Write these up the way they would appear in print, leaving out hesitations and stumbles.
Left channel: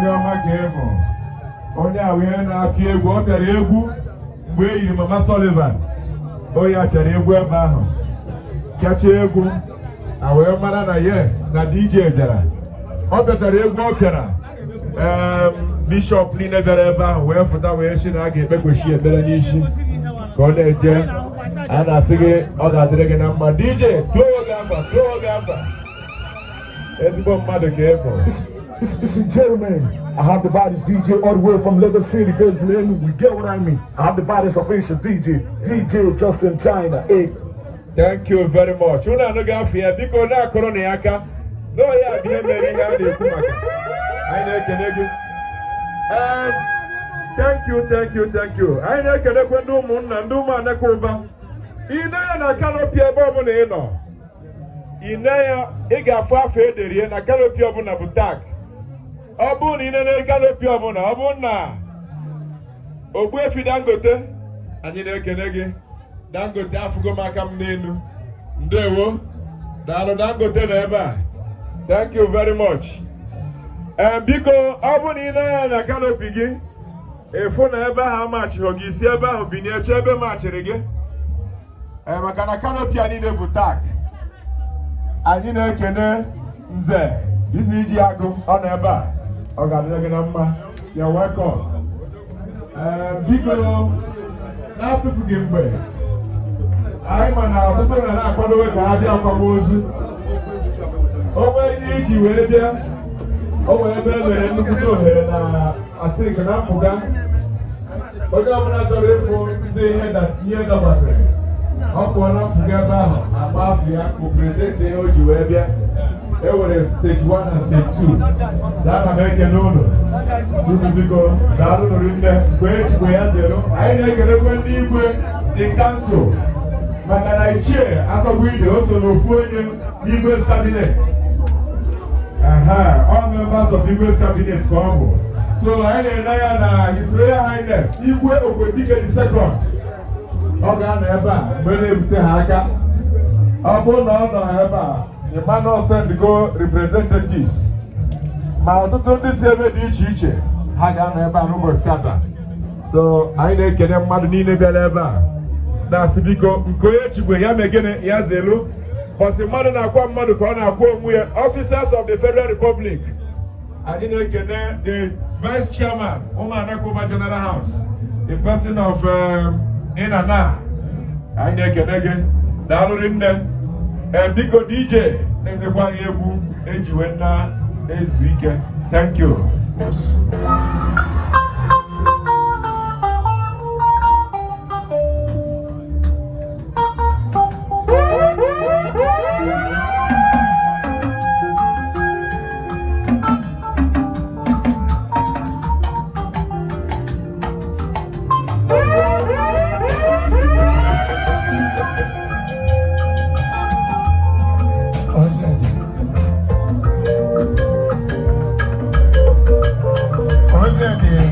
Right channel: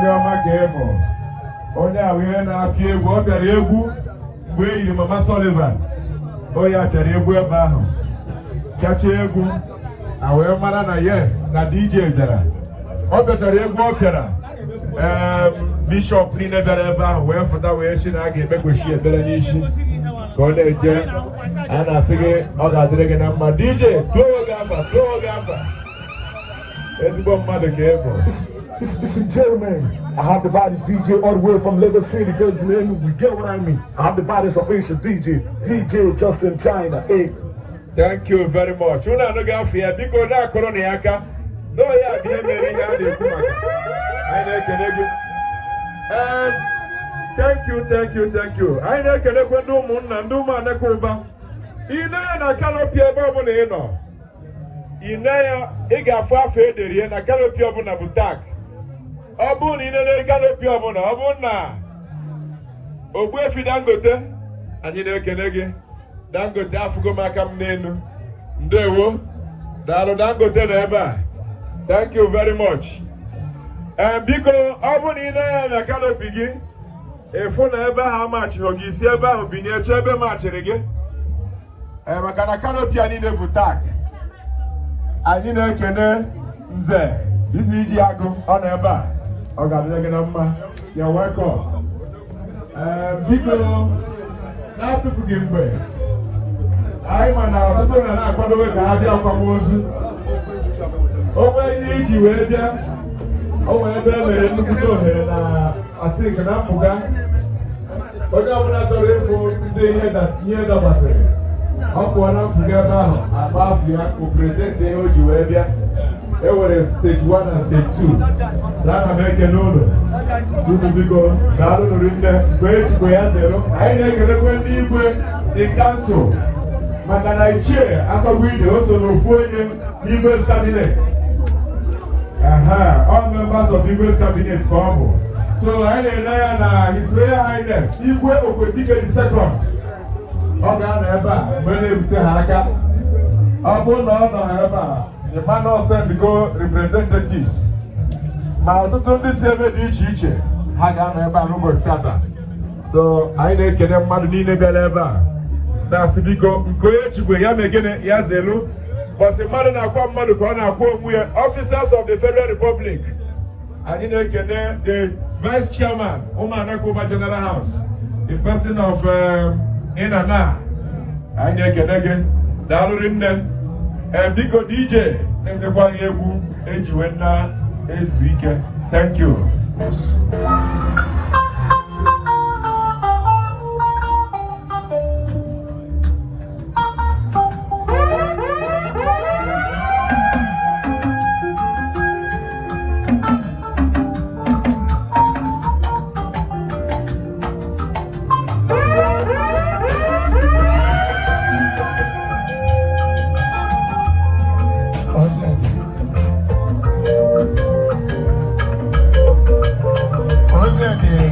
onye ọma ga-emo onye ahụ ihe na-akụ egwu ọ bịara egwu mgbe e yiri Mama Sullivan onye a bịara egwu ebe ahụ kacha egwu a wee mara na yes na DJ bịara ọ bịachara egwu ọ bịara bishọp niile bịara ebe ahụ wee fụta wee si na a ga-ekpekwechi ekpere n'isi ka ọ na-eje a na-asị gị ọ ga-adịrị gị na mma DJ tụọ gị afa ezigbo mmadụ ka ego. It's a gentleman. I have the baddest DJ all the way from Lagos City, based in Enugu. You get what I mean? I have the baddest official DJ Justin China. Hey. Thank you very much. Unu anọghị afọ ya biko na-akọrọ na ya aka n'o ya dị emere ihe a na-ekwu maka anyị na-ekele gị. Thank you. Anyị na-ekelekwe ndị ụmụnna ndị ụmụanaka ụba ine ya na kanopi ebe ọbụla ị nọ ine ya ị ga-afụ afọ ederie na kanopi ọbụla bụ tag. Ọ bụrụ na ị na-ere kanopi ọbụla ọ bụrụ na Ogbuefi Dangote anyị na-ekele gị. Dangote afụgo m aka m n'elu ndewo daalụ Dangote na ebe a thank you very much. Biko ọ bụ na ị na-ya na kanopi gị efu na ebe ahụ amachiri gị isi ebe ahụ binye chọọ ebe machiri gị maka na kanopi a niile bụ tag. Anyị na-ekene Nze isi iji agụ ọ nọ ebe a ọ ga-adịrị gị na mma ya welcome. Biko na-atụfu gị mgbe anyị ma na ọtụtụ na-akwadowe ka ha bịa akwamozu o nwere ihe iji wee bịa o nwere ebe e mere nnukwu ohere na atịk na mpụga onye ọbụla chọrọ ịfụ ndị ihe dagbasịrị ọ pụọ na mpụga ebe ahụ agba afọ ya ka prezidenti ihe o ji wee bịa e nwere stage 1 na stage 2 ana m ekele ụlọ unu biko daalụ nụrụ nne mgbe ejikwa ya zero anyị na-ekelekwe ndị igwe dị kansụl maka na ichie Asogwide o so n'ofu onye n'Igwe's cabinet. All members of Igwe's cabinet ka ọ bụ. So anyị na-ele ya na His Royal Highness Igwe Okwedike II ọ ga-anọ ebe a mgbe na-ebute ha aka. Ọ bụrụ na ọ nọ ebe a the panel send-go representatives ma ọtụtụ ndị si ebe dị iche iche ha ga-anọ ebe a n'ụbọchị taa. So anyị na-ekele mmadụ niile bịara ebe a na-asị biko nke onye chigwe ya megene ya zelu bọsị mmadụ na-akwa mmadụ ka ọ na-akwa onwe ya. Officers of the Federal Republic anyị na-ekene the Vice Chairman ụmụanaka General House in person of Inana anyị na-ekene gị daalụrị nne. Biko DJ na-edekwa ya egwu ejiwe na ezu ike. Thank you. What's that?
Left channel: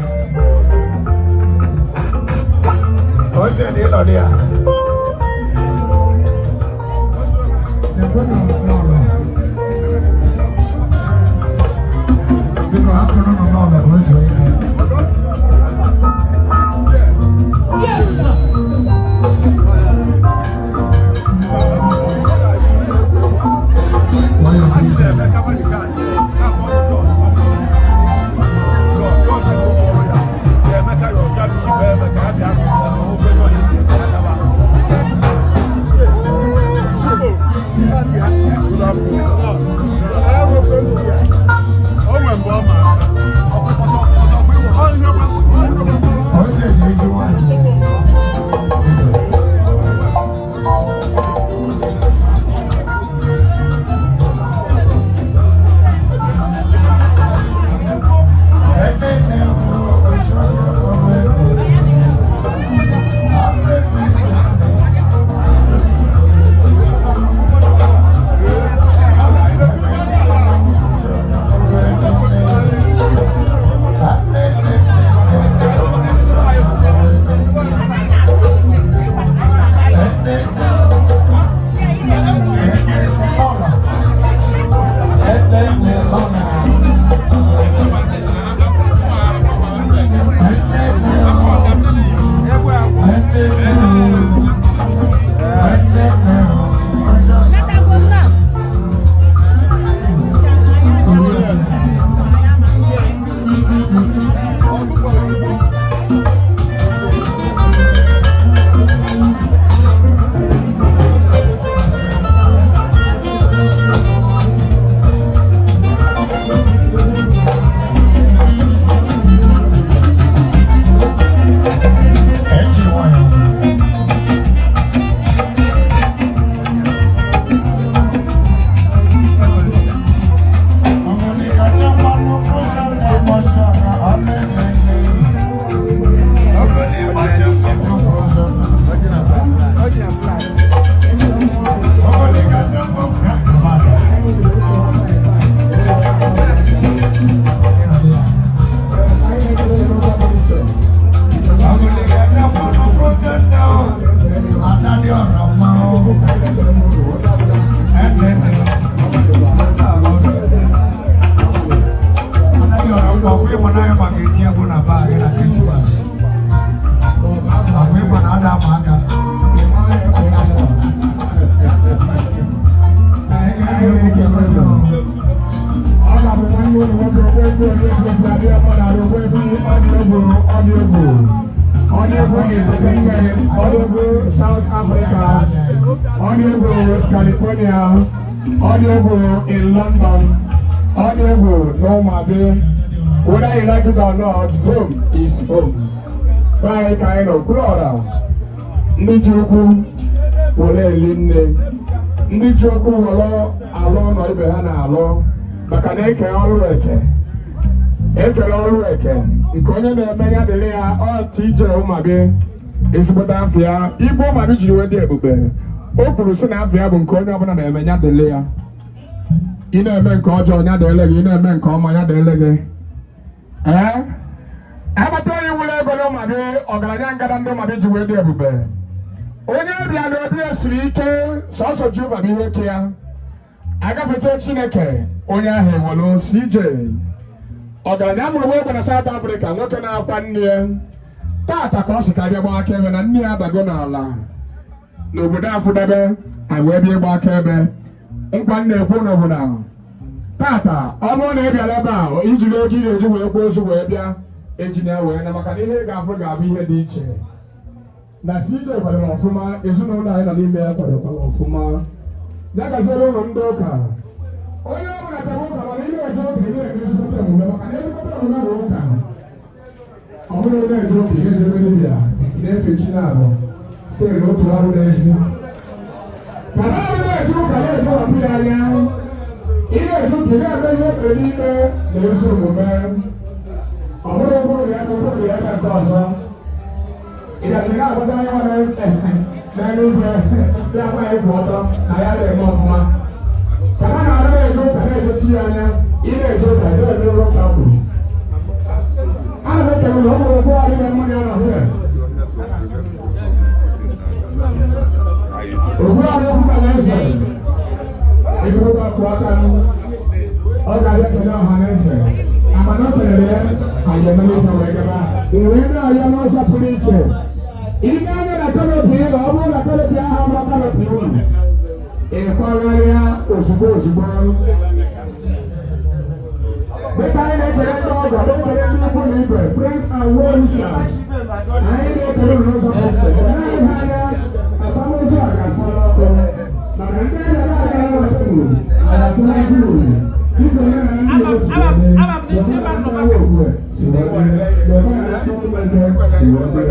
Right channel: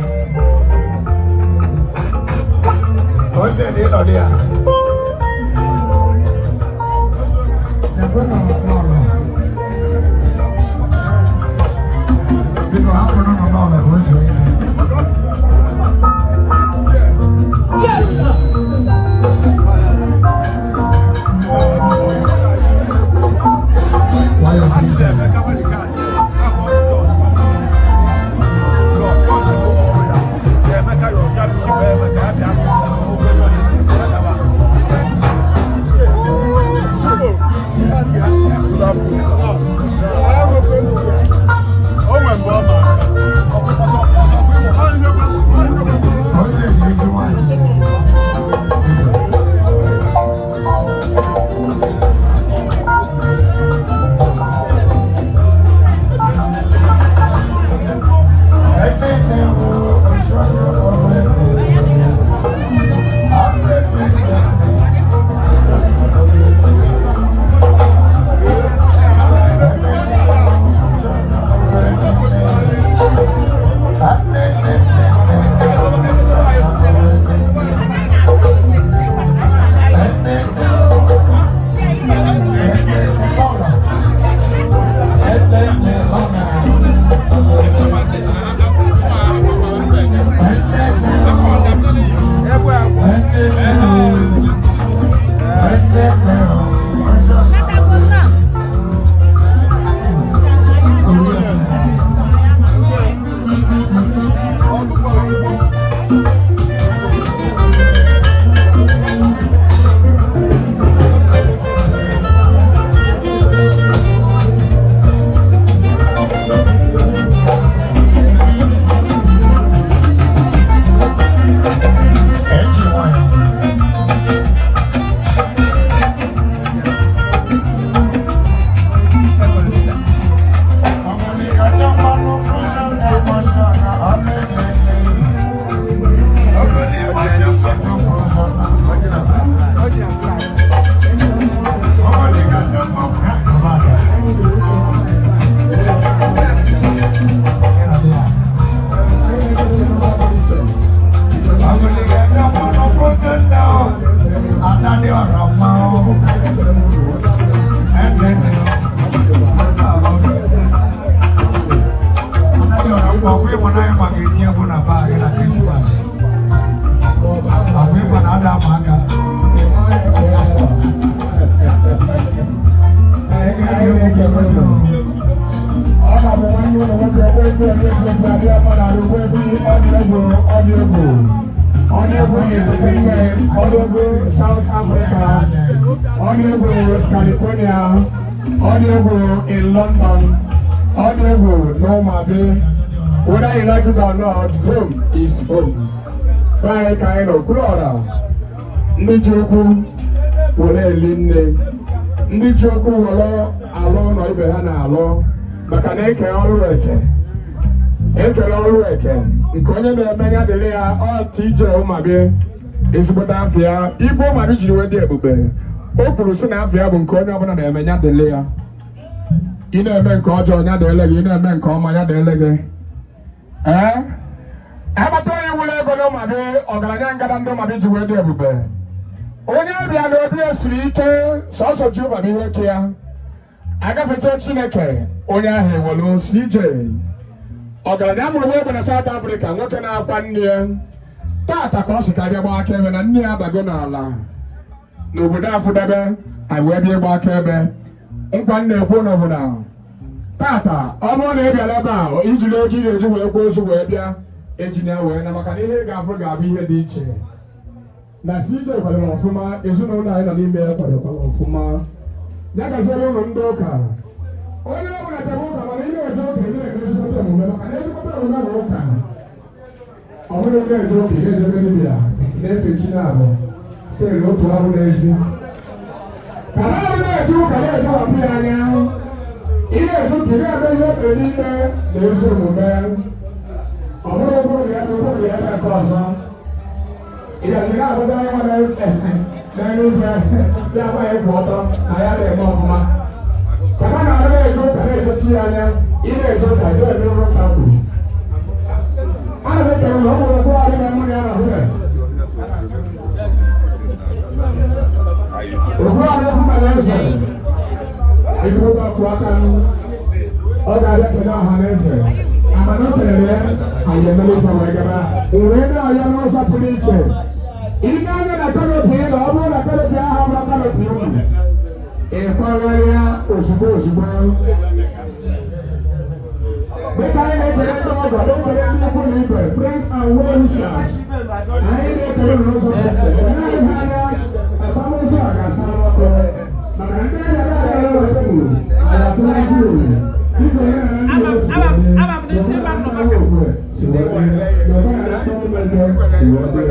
Honorable South Africa, Honorable California, Honorable in London, Honorable Norma Bay. Whether you like it or not, home is home. By kind of brother. Ndị Chukwu were eli nne. Ndị Chukwu were alụ na ibe ha na-alụ maka na eke ọrụ eke. Ekele ọrụ eke nke onye na-eme ya dịrị ya ọ TJ Umabi ezigbote afọ ya Igbo Umabi jiri wee dị ebube. O kwuru sị na afọ ya bụ nke onye ọbụla na-eme ya dịrị ya. Ị na-eme nke ọjọọ ya dịrị gị, ị na-eme nke ọma ya dịrị gị. Agbata onye wụrụ ego na Umabi ọgaranya ngada ndị Umabi ji wee dị ebube. Onye bịa n'obi esiri ike sọsọ Jehova bụ ihe ke ya. Agafecha Chineke onye ahụ ewelu CJ. Ọgaranya mụrụ wee na South Africa nwoke na-akwa nne ya. Tata ka ọ sị ka bịa gba akaebe na nne ya adago n'ala n'obodo Afụdebe wee bịa gba akaebe. Nkwa nne ekwu n'obodo ahụ. Tata ọ bụrụ na ị bịara ebe ahụ ijiri ego ị ga-eji wee kwuo ozu wee bịa ejina ya wee na maka na ihe ị ga-afụ ga-abụ ihe dị iche. Na CJ kwadoro ọfụma, ezinụlọ anyị nọ n'ime ya kwadokwara ọfụma. Ya gaziere ụlọ ndị ụka. Onye ọ bụla chọrọ ụka mana ihe eje oge na-emesi ụka omume maka na ezigbote omume bụ ụka. Ọ bụrụ na eje oge na-ejebe dibịa na-efe chi na-abụ site n'otu ọrụ n'ezi. Ka na ọrụ na-eje ụka na-eje wapụ ya anya. Ihe eje ụka na-eme ihe ekpere n'ime na ezi omume. Ọ bụrụ ụbụrụ ya na ụbụrụ ya na nke ọzọ. Ị gazi na-agbaza anya nwa na-eme ife ndị agbaghị kwụ ọtọ na ya na-eme ọfụma. Sama na ara ejo ka ejo chi anya, ile ejo ka do ejo ro ka bu. Ara be ke mo ko ari na mo ya na hu. O ba mo fu ka lese. E jo ba ko aka nu. O ga ya ke na ha lese. Ama na tele aye na me fa wa ga ba. Nwe na ya no sa puliche. Ina ne na tele bu ye lo ba na tele bi ha ba tele bu. Ìkọlẹ́yà òṣùgbò òṣùgbò. Nípa ilé ìjọba tó ọgbà ló wọlé akẹ́kọ̀ọ́ ní ibẹ̀, friends and well-wishers. Ayé ní ìkọlẹ́ ló sọ fún ìṣẹ̀. Ìyá ìbáyà ẹ̀fọ́ ló sọ àgàsí ọkọ̀. Màmá ní ìyá ìyá ìyá ìyá ìwò, àyàtọ̀ wá sí òní. Nítorí náà ní ìlú òṣèlú ní Yorùbá àtàwọn òkú ẹ̀ ṣèwọ́dé. Yorùbá àtàwọn mẹ́jọ ṣèwọ́dé.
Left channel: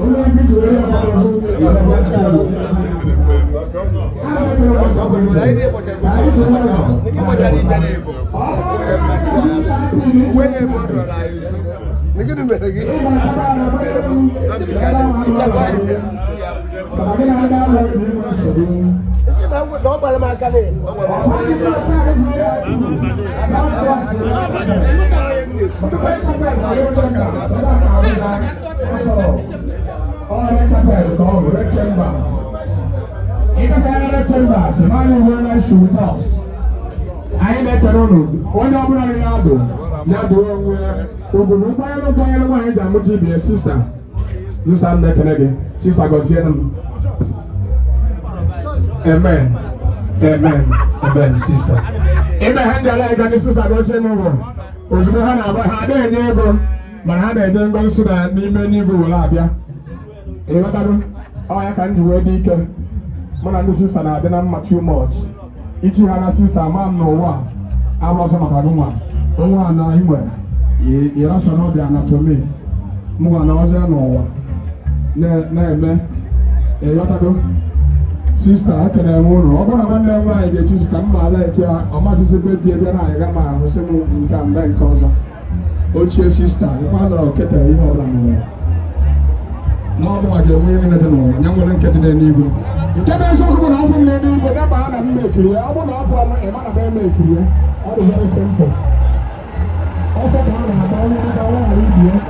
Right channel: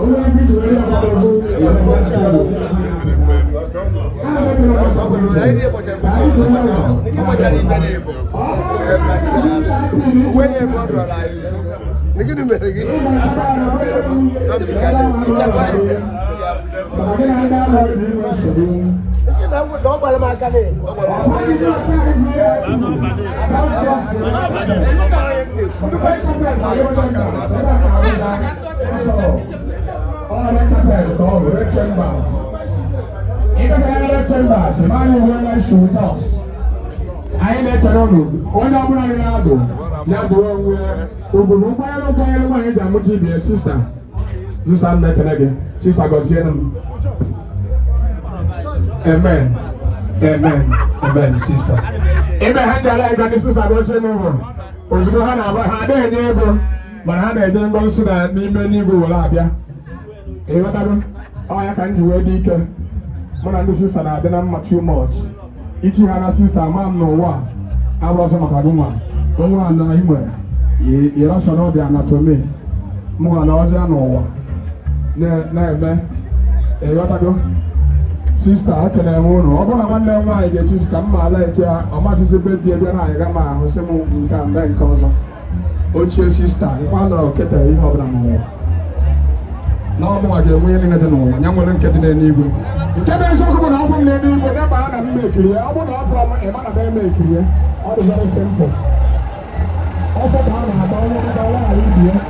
Olú ẹbí ìjòyè ọ̀pọ̀lọpọ̀ chambers, money when I shoot us. I make a run. What I'm running out of. Now, the one where to be a sister. Sister, I'm not again. Sister, got them. Amen. Amen. Amen, sister. Amen. Hand sister, I don't say no one. Was the hand of a hand never. But I didn't go so that me will have ya. Oh, I can't do it. But this sister, I didn't much too much. Each other sister, mom, no one. I was a Macaduma. Don't want to know anywhere. You don't know the anatomy. More than I was there, no one. You got to go. Sister, I can have one. I'm going to why they just come my leg. I must say, baby, I got my house and come then cause. What's your sister? You want to get a more. Now, I get winning at the moment. I'm going to get it anyway. You can't say someone else from maybe, but I'm not going to make you. I won't offer a man of them make you. I will have a simple. Also, I'm going to go to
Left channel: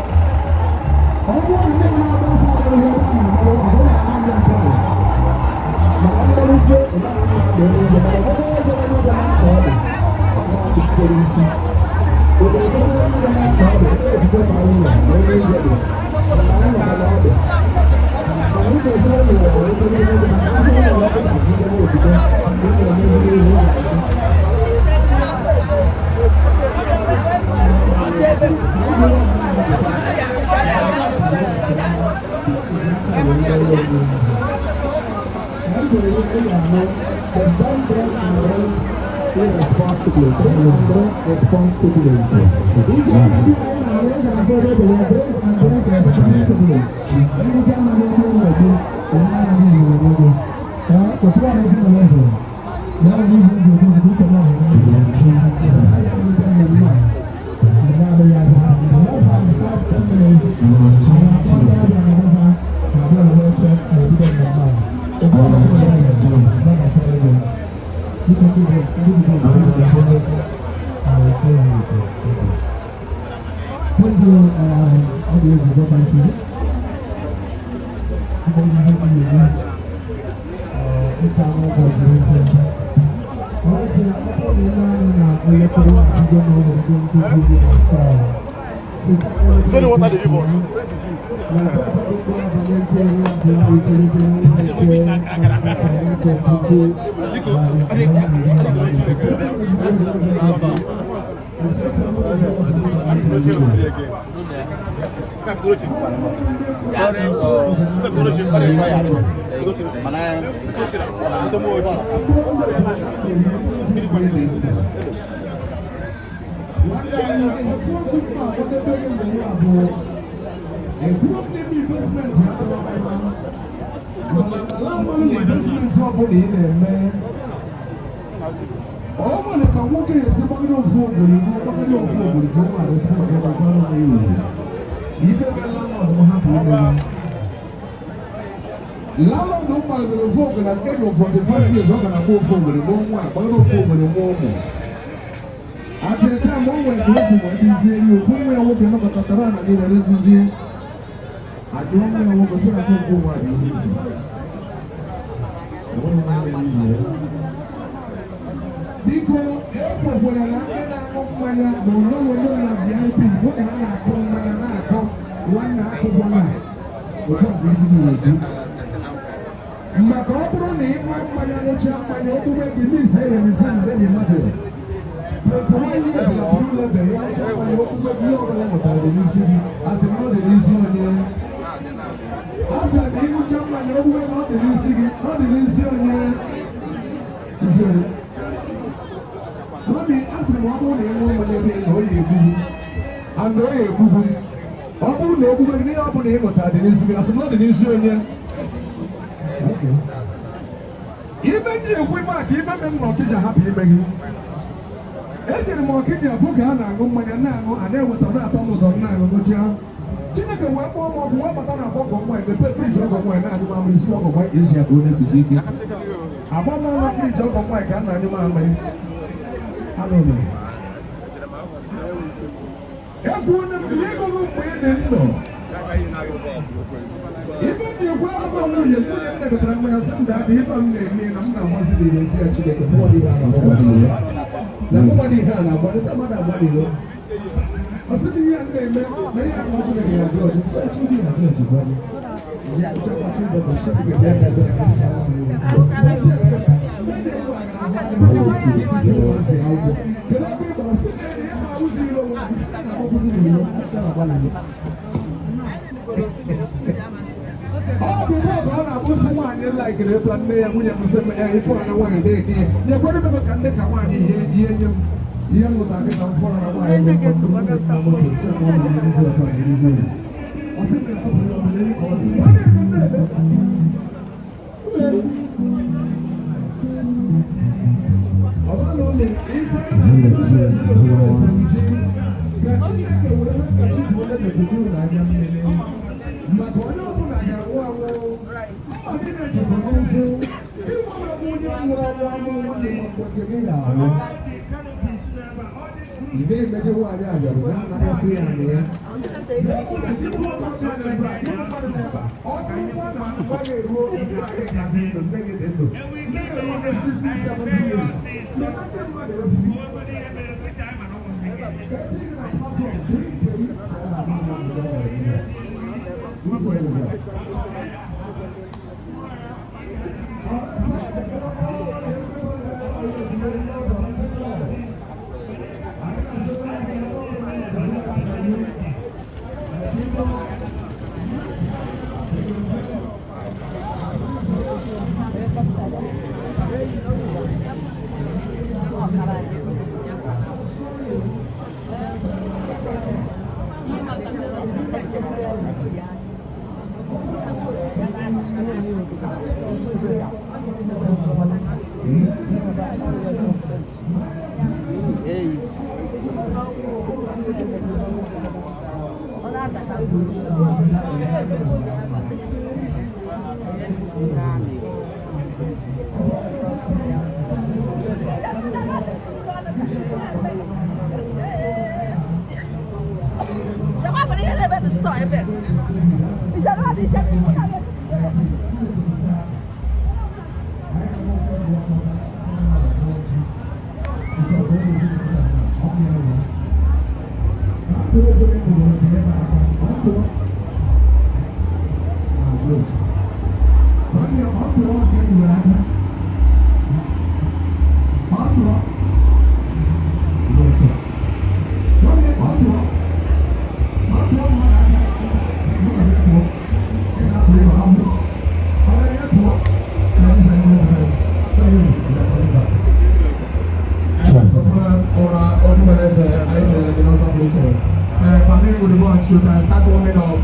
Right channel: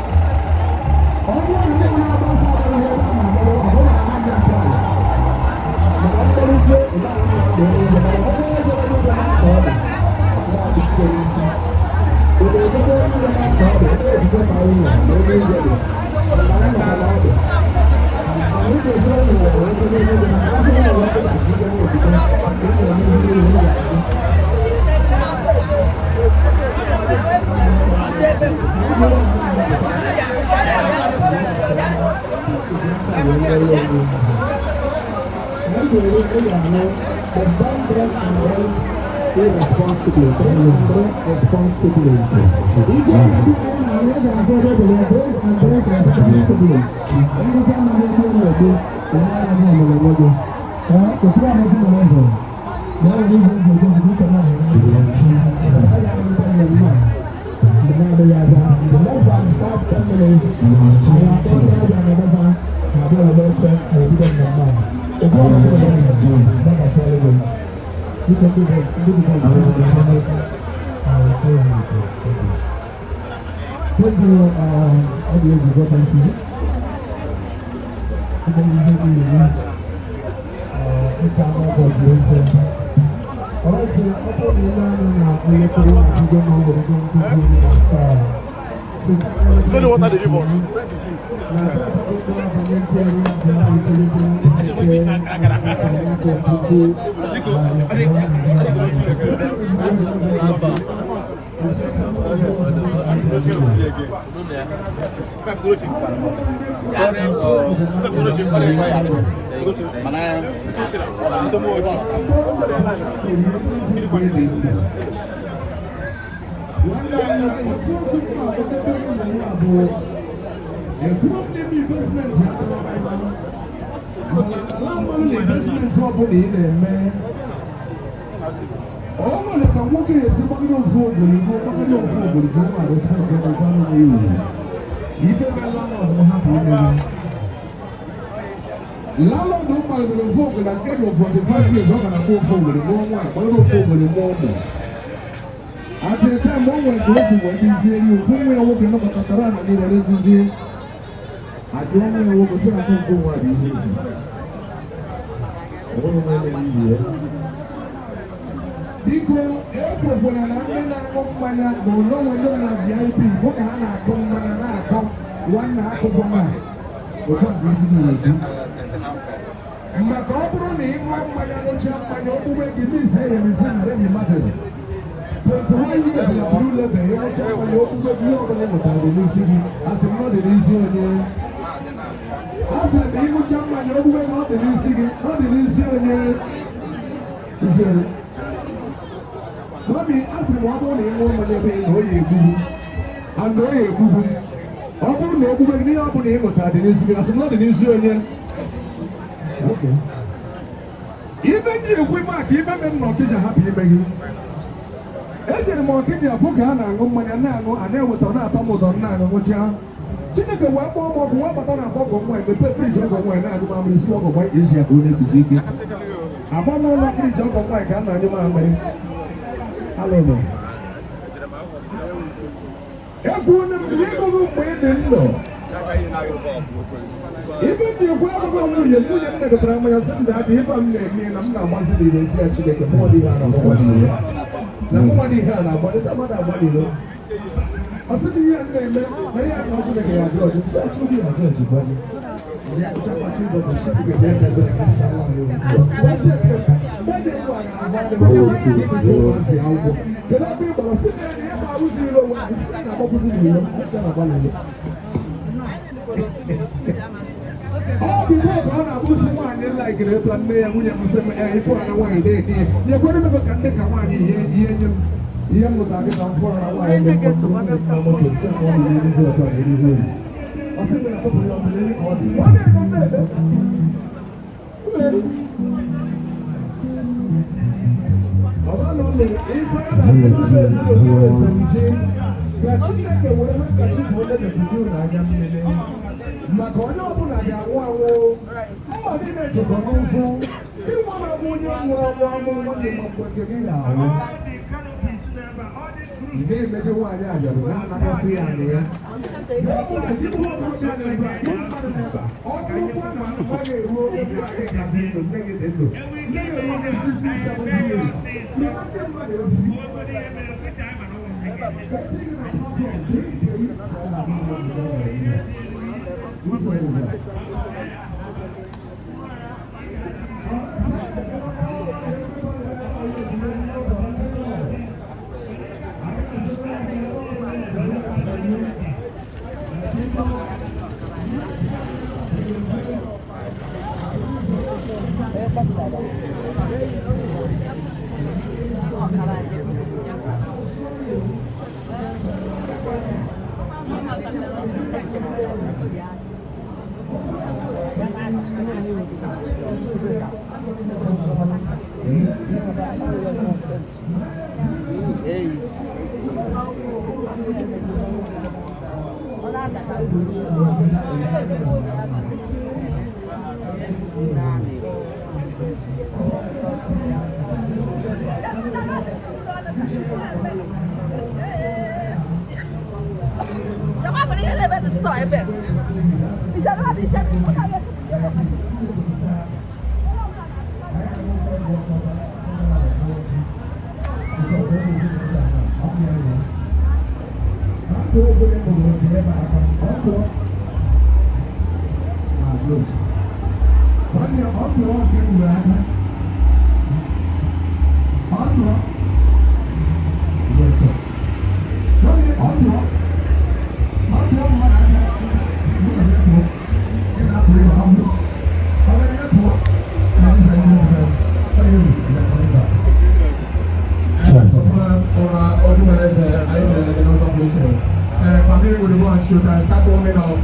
You can start warming up.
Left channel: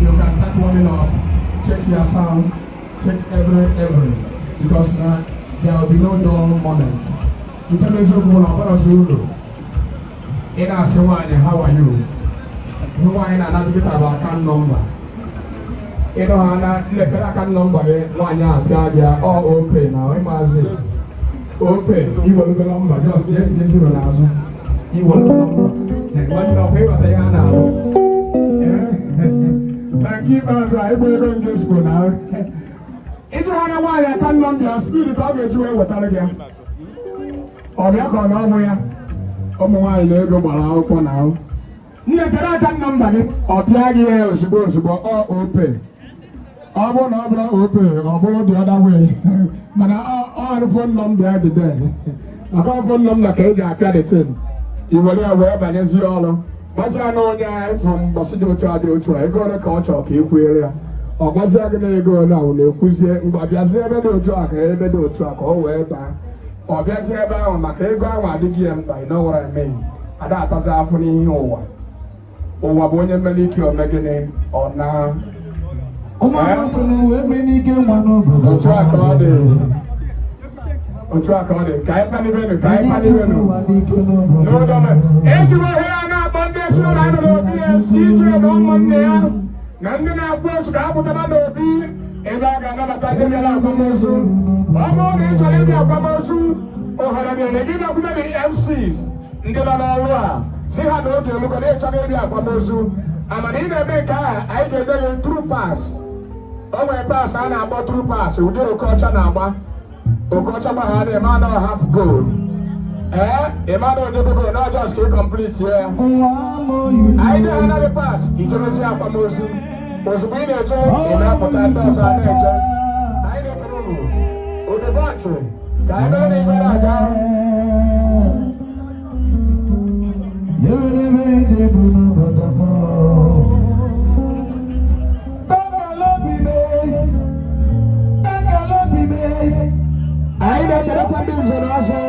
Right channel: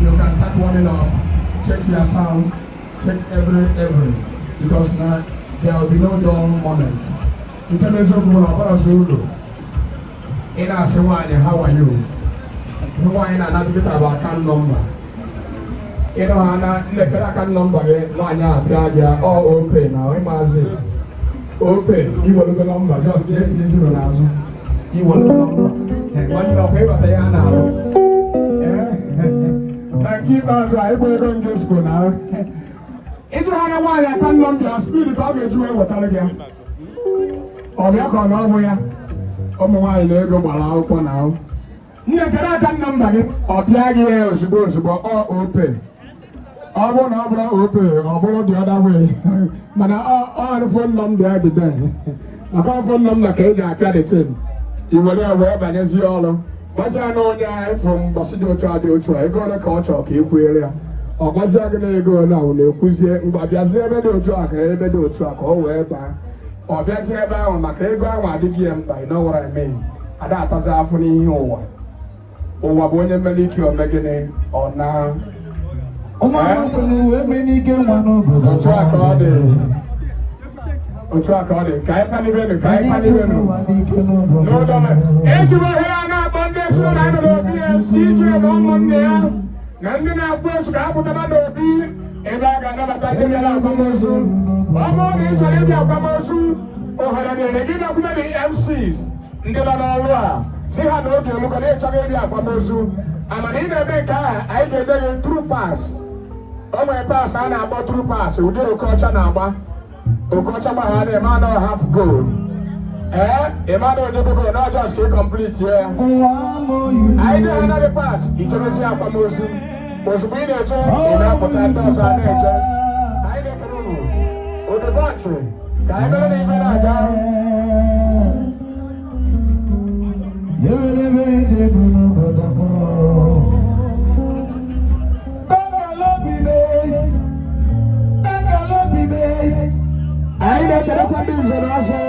You can start warming up. Check your sound. Check every. Because now there will be no dull moment. You can also go on what else you do. In our Sewani, how are you? So why in another bit about account number? You know, and the account number here, one year, all open. Now, imagine. Open. You want the number. Just get this in the last. You want the number. And what the paper they are now. Keep us right, we're going to school now. It's one of why I can't number your spirit. I'll get you with that again. Or you can over why you go out for now. Never can number or plug here, suppose to go all open. I won't have open or go the other way. But all the phone number the day. I can't phone number cage, I got it in. You will have where by the all. What's I know from Basido to Adio, I got a culture of Equaria. Or what's I going to go now? No, Kuzi, but there's never no track, ever do track, or wherever. Or there's never on my playground, I did game, I know what I mean. And that was after me over. Or Wabonia Maliki or Megane, or now. Oh, my track all day. On track all day. Kai Paniveno. No, don't. Anyway, here now, Monday, so I don't be a teacher on Monday. Nandina Post, I put another be. And I got another time to Kamosu. One more inch on India Kamosu. Or had I been up many MCs. Never see how no you look at it, Kamosu. I'm an in a big car. I get a true pass. Oh, my pass, and I bought true pass. We do a culture number. Okochama had a man or half goal. A man or never not just to complete here. I did another pass. It was a promotion. Was being a job in our potatoes and nature. I don't know. With the boxing. I don't even know. I don't get up on this I don't get up on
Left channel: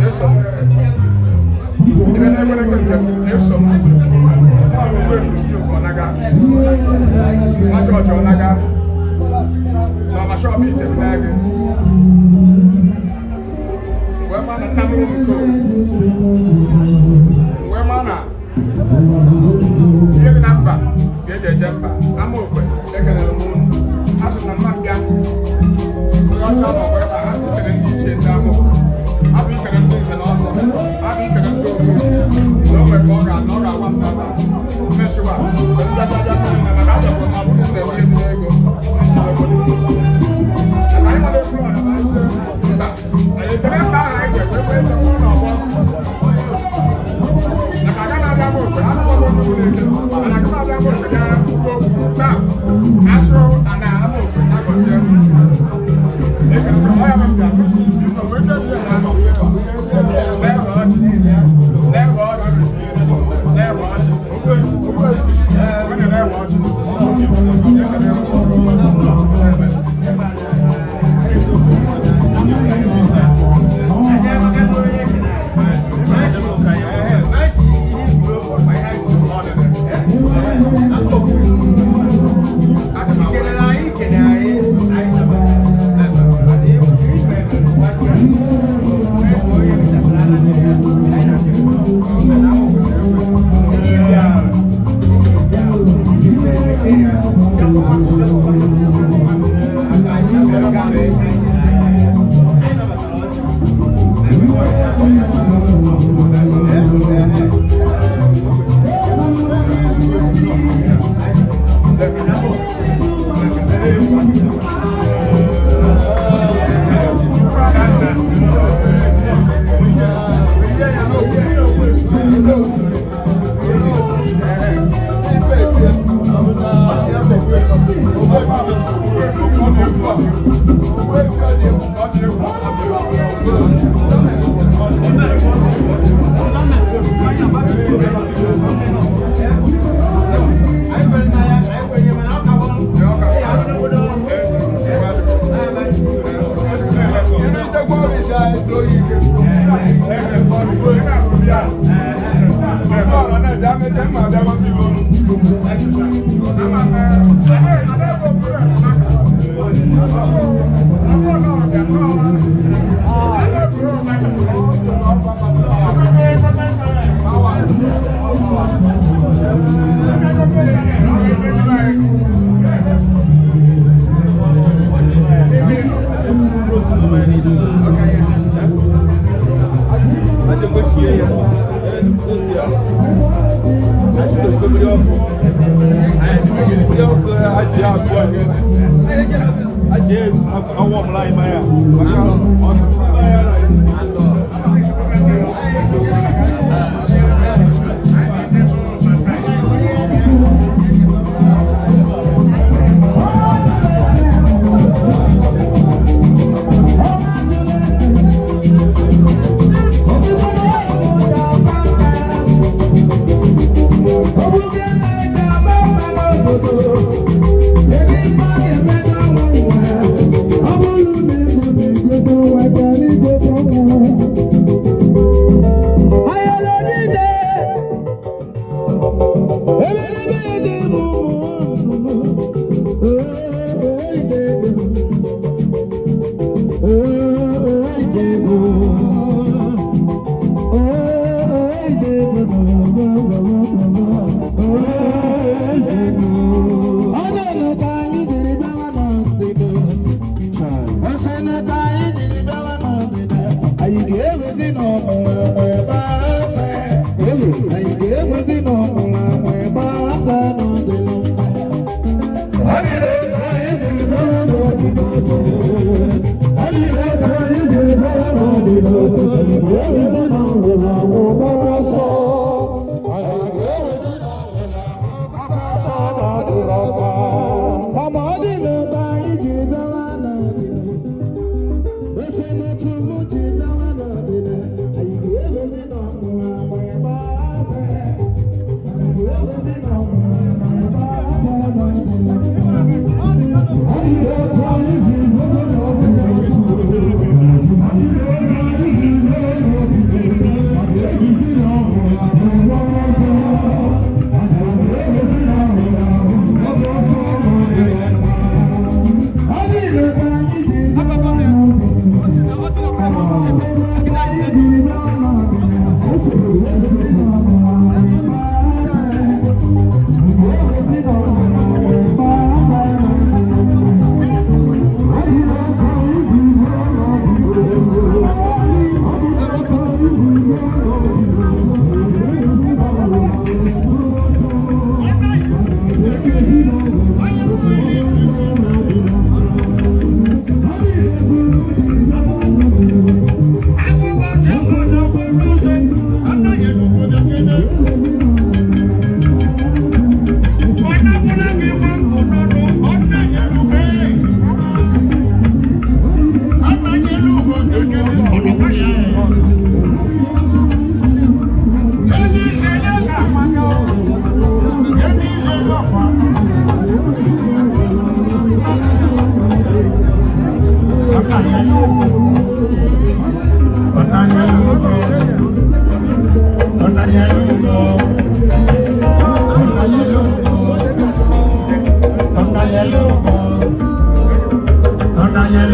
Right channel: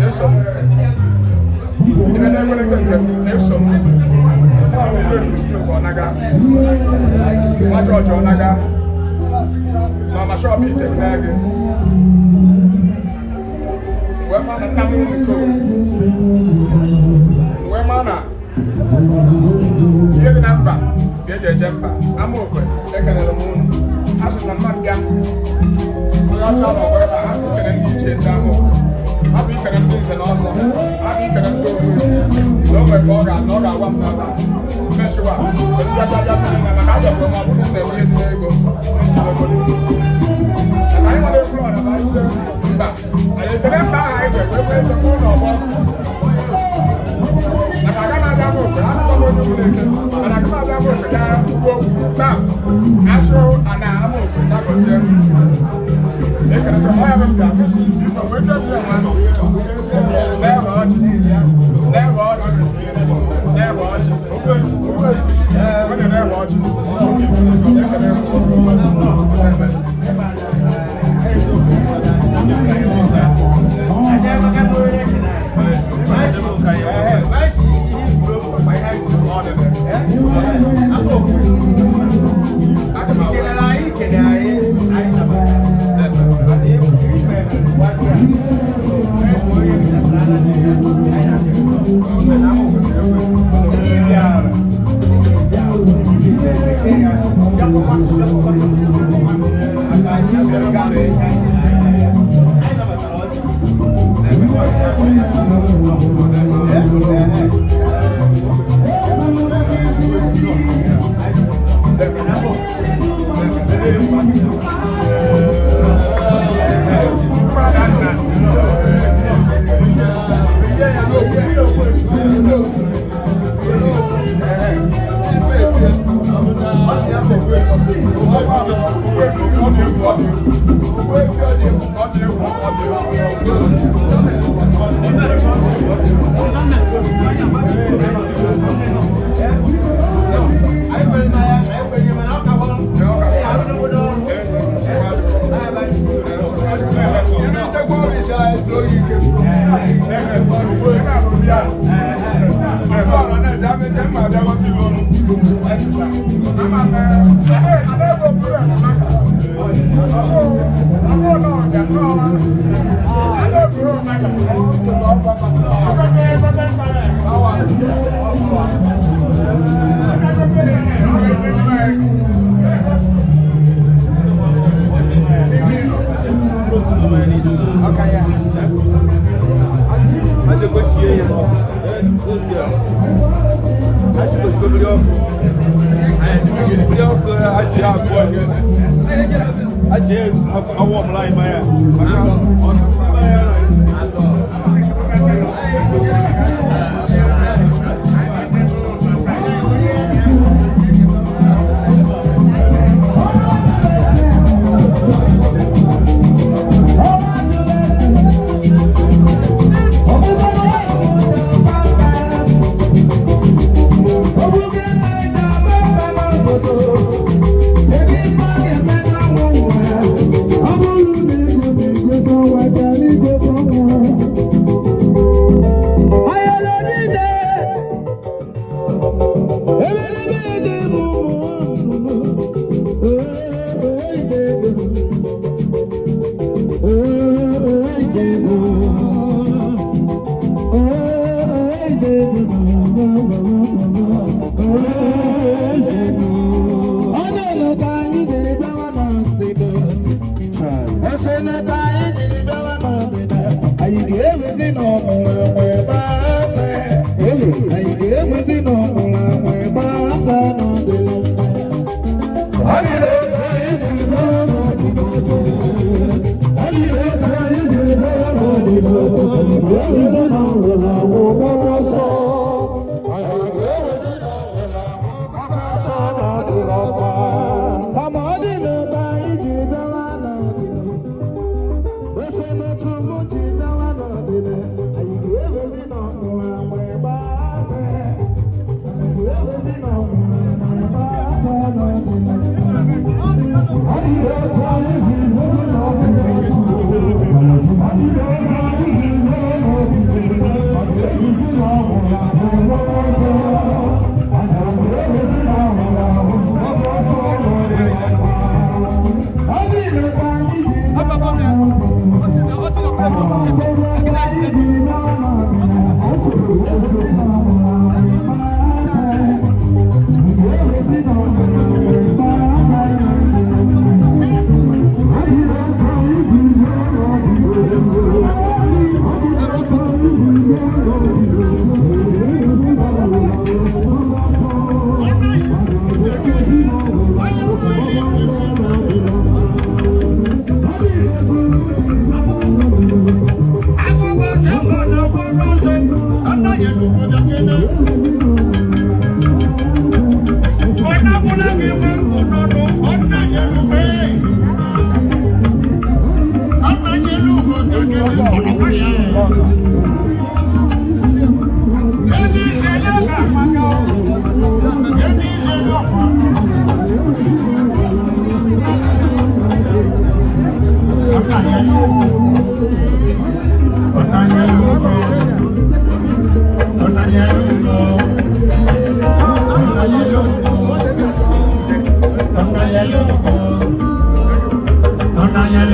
this Esom. Even I want to get Esom. I will go to Studio Onaga. My church Onaga. Mama show me the bag. Where man a number of the where man a get the number, get the jumper. I'm open. Take another moon. As a man, young. We are talking about African and DJ Damo. African and things and also African and things. No, my God, I'm not a one brother. Measure up. But you got that and I got that from my woman. They were in the ego. And I'm on the floor. I said, I'm back. I said, we're going to go over. And I got that book. I'm going to do it. And I got that book. Now, Astro and I'm open. That was him. They can have a job. You know, we're just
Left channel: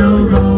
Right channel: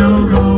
Lolo